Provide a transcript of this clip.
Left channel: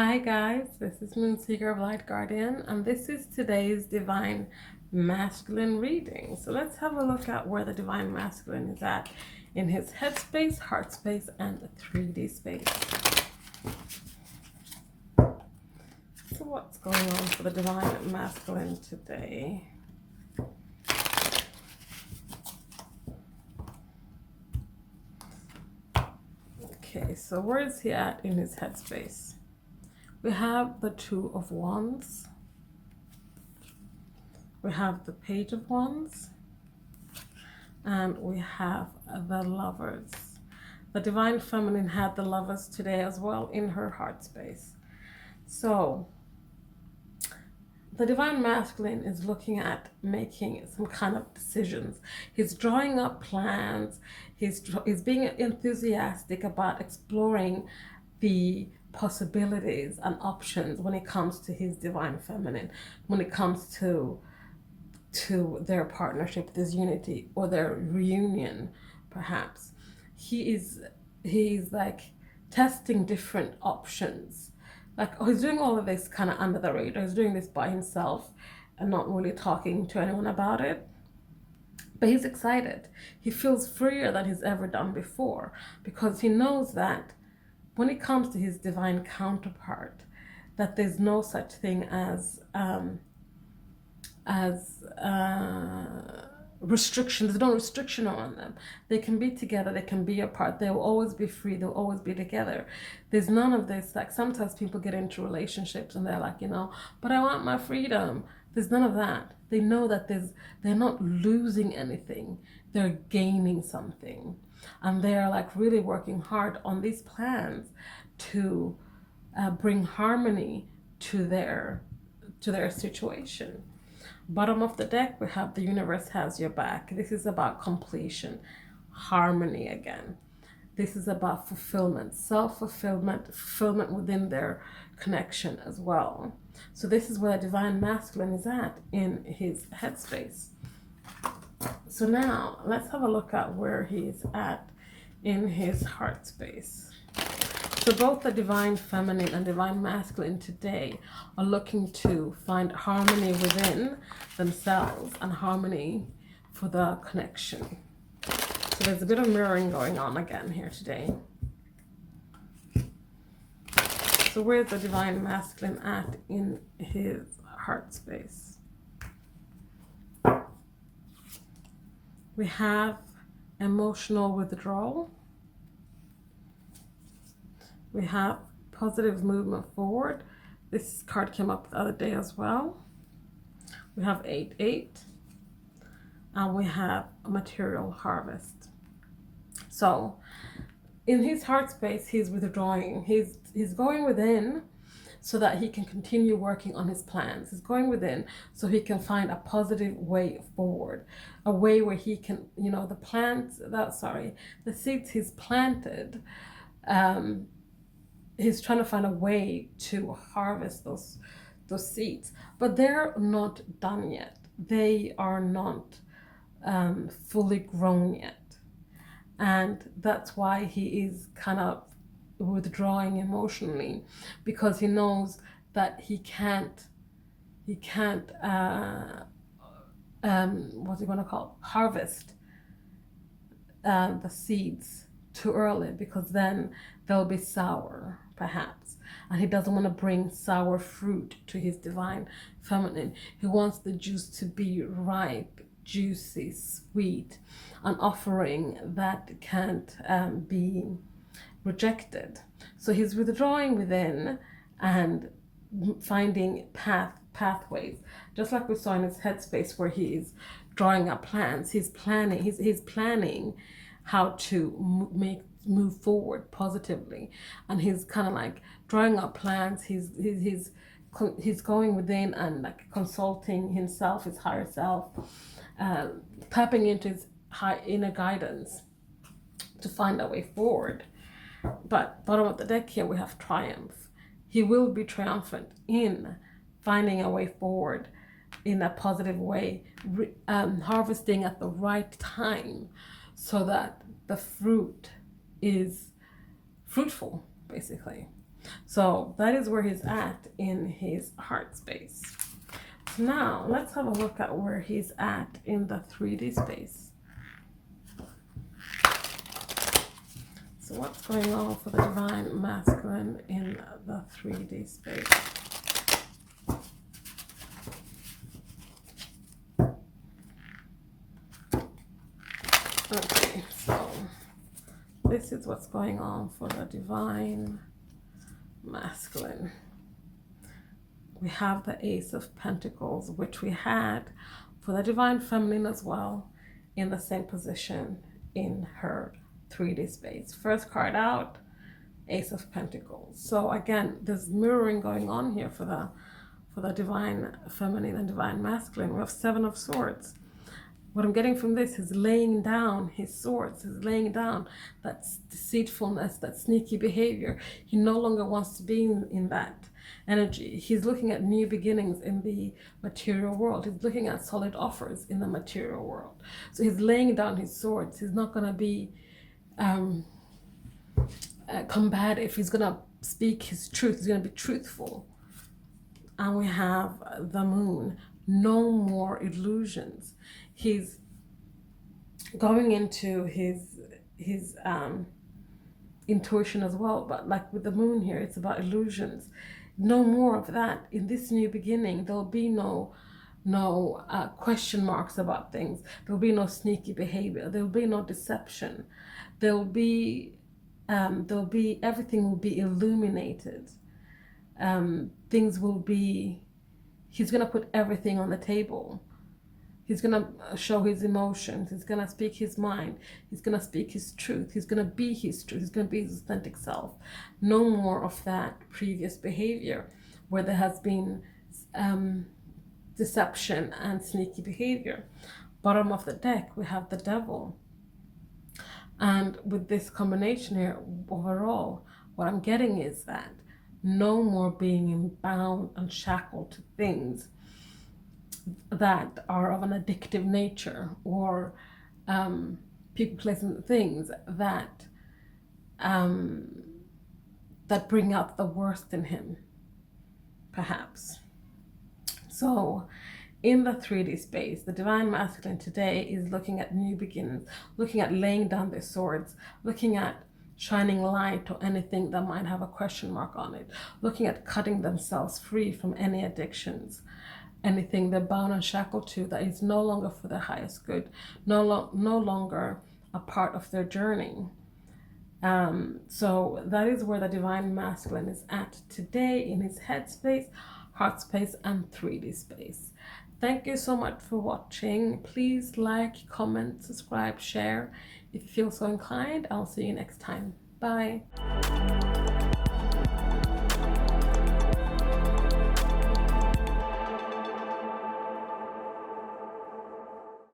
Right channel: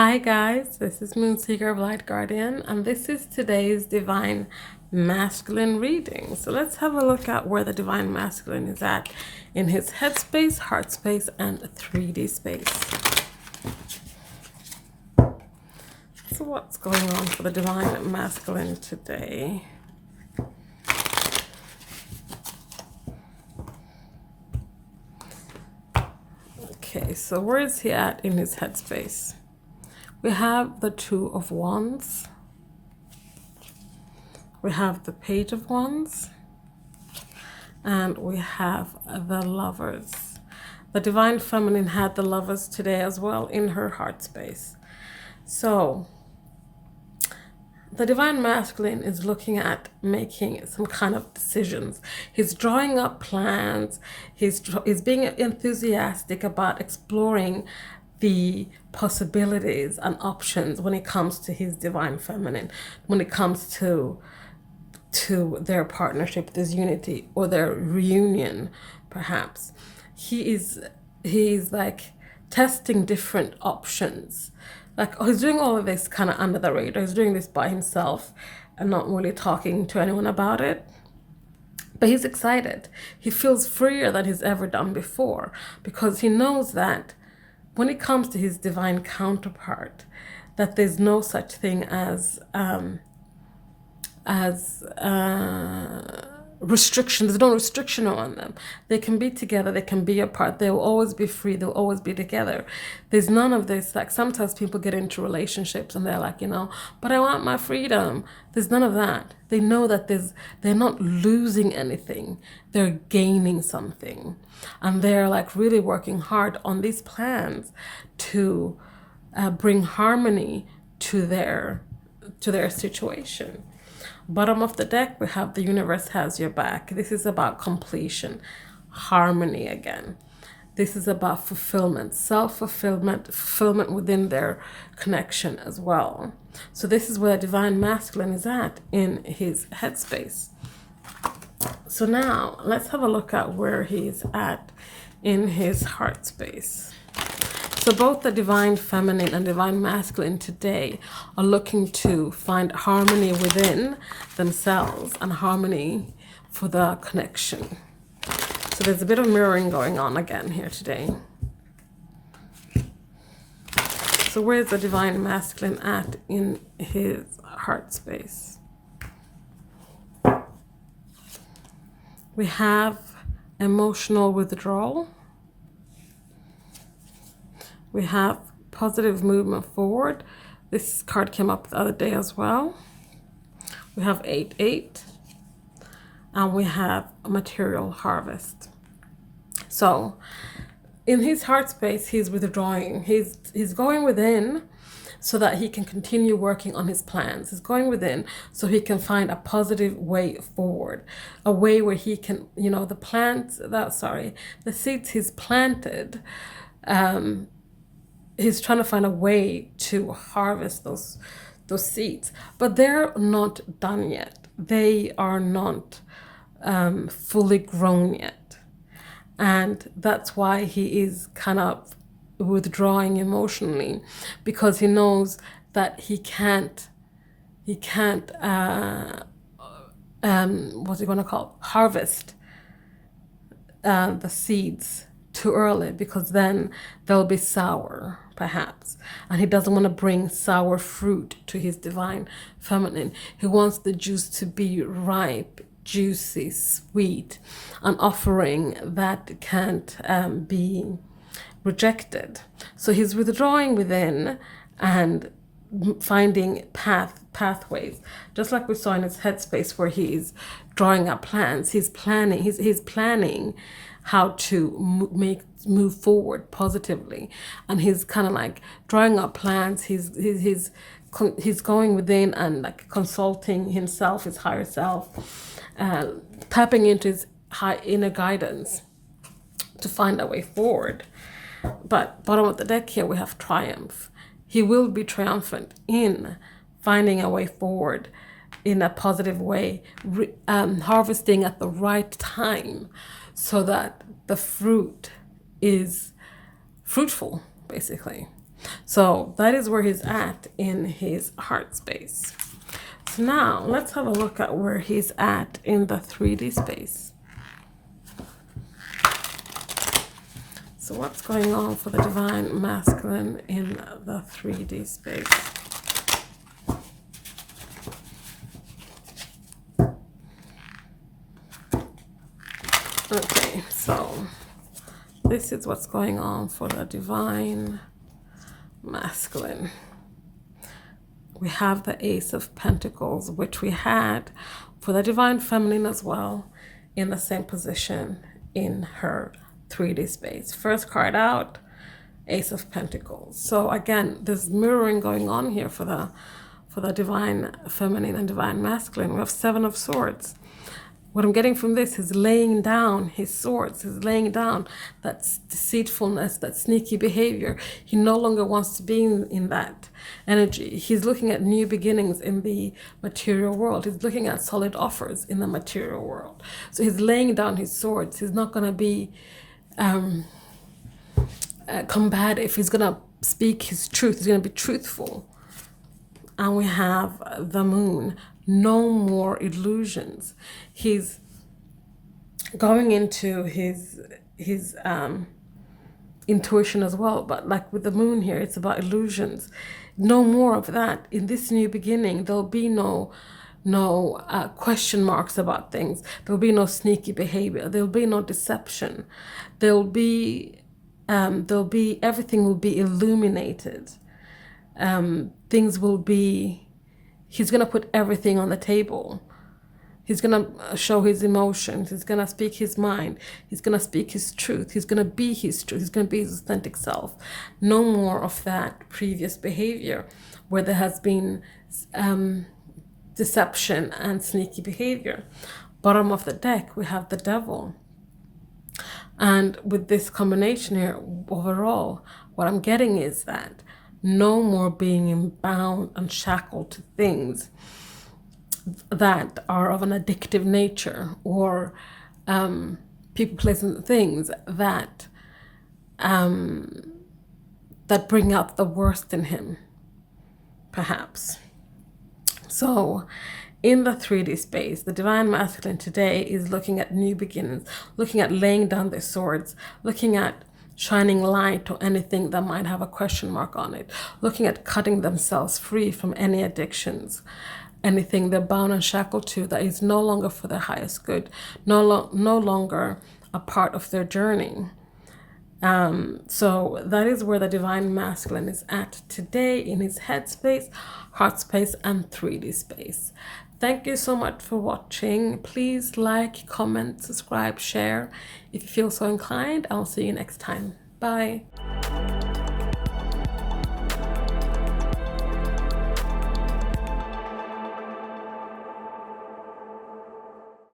Hi guys, this is Moonseeker of Light Guardian, and this is today's Divine Masculine reading. So let's have a look at where the Divine Masculine is at in his headspace, heart space, and 3D space. So what's going on for the Divine Masculine today? Okay, so where is he at in his headspace? We have the Two of Wands. We have the Page of Wands. And we have the Lovers. The Divine Feminine had the Lovers today as well in her heart space. So the Divine Masculine is looking at making some kind of decisions. He's drawing up plans. He's being enthusiastic about exploring the possibilities and options when it comes to his Divine Feminine, when it comes to their partnership, this unity, or their reunion, perhaps. He's like testing different options. Like, he's doing all of this kind of under the radar. He's doing this by himself and not really talking to anyone about it. But he's excited. He feels freer than he's ever done before, because he knows that when it comes to his divine counterpart, that there's no such thing as restriction. There's no restriction on them. They can be together, they can be apart, they will always be free, they'll always be together. There's none of this. Like, sometimes people get into relationships and they're like, but I want my freedom. There's none of that. They know that they're not losing anything, they're gaining something, and they're like really working hard on these plans to bring harmony to their situation. Bottom of the deck, we have the universe has your back. This is about completion, harmony again. This is about fulfillment, self-fulfillment, fulfillment within their connection as well. So this is where Divine Masculine is at in his headspace. So now let's have a look at where he's at in his heart space. So both the Divine Feminine and Divine Masculine today are looking to find harmony within themselves and harmony for the connection. So there's a bit of mirroring going on again here today. So where's the Divine Masculine at in his heart space? We have emotional withdrawal. We have positive movement forward. This card came up the other day as well. We have 8-8. And we have a material harvest. So in his heart space, he's withdrawing. He's going within so that he can continue working on his plans. He's going within so he can find a positive way forward, a way where he can, the seeds he's planted, he's trying to find a way to harvest those seeds, but they're not done yet. They are not fully grown yet, and that's why he is kind of withdrawing emotionally, because he knows that he can't harvest the seeds too early, because then they'll be sour perhaps, and he doesn't want to bring sour fruit to his Divine Feminine. He wants the juice to be ripe, juicy, sweet, an offering that can't be rejected. So he's withdrawing within and finding pathways, just like we saw in his headspace where he's drawing up plans. He's planning how to move forward positively, and he's kind of like drawing up plans. He's going within and like consulting himself, his higher self, tapping into his high inner guidance to find a way forward. But bottom of the deck here, we have triumph. He will be triumphant in finding a way forward in a positive way, harvesting at the right time, so that the fruit is fruitful, basically. So that is where he's at in his heart space. So now let's have a look at where he's at in the 3D space. So what's going on for the divine masculine in the 3D space? Okay, so this is what's going on for the divine masculine. We have the Ace of Pentacles, which we had for the divine feminine as well, in the same position in her 3D space. First card out, Ace of Pentacles. So again, there's mirroring going on here for the divine feminine and divine masculine. We have Seven of Swords. What I'm getting from this is laying down his swords, is laying down that deceitfulness, that sneaky behavior. He no longer wants to be in that energy. He's looking at new beginnings in the material world. He's looking at solid offers in the material world. So he's laying down his swords. He's not going to be combative. He's going to speak his truth. He's going to be truthful. And we have the Moon. No more illusions. He's going into his intuition as well, but like with the Moon here, it's about illusions. No more of that. In this new beginning, there'll be no question marks about things. There'll be no sneaky behavior. There'll be no deception. There'll be everything will be illuminated. Things will be. He's going to put everything on the table. He's going to show his emotions. He's going to speak his mind. He's going to speak his truth. He's going to be his truth. He's going to be his authentic self. No more of that previous behavior where there has been deception and sneaky behavior. Bottom of the deck, we have the Devil. And with this combination here, overall, what I'm getting is that no more being bound and shackled to things that are of an addictive nature, or people, places, and things that that bring out the worst in him, perhaps. So in the 3D space, the divine masculine today is looking at new beginnings, looking at laying down their swords, looking at shining light to anything that might have a question mark on it, looking at cutting themselves free from any addictions, anything they're bound and shackled to that is no longer for their highest good, no longer a part of their journey. So that is where the divine masculine is at today in his head space, heart space, and 3D space. Thank you so much for watching. Please like, comment, subscribe, share if you feel so inclined. I'll see you next time. Bye.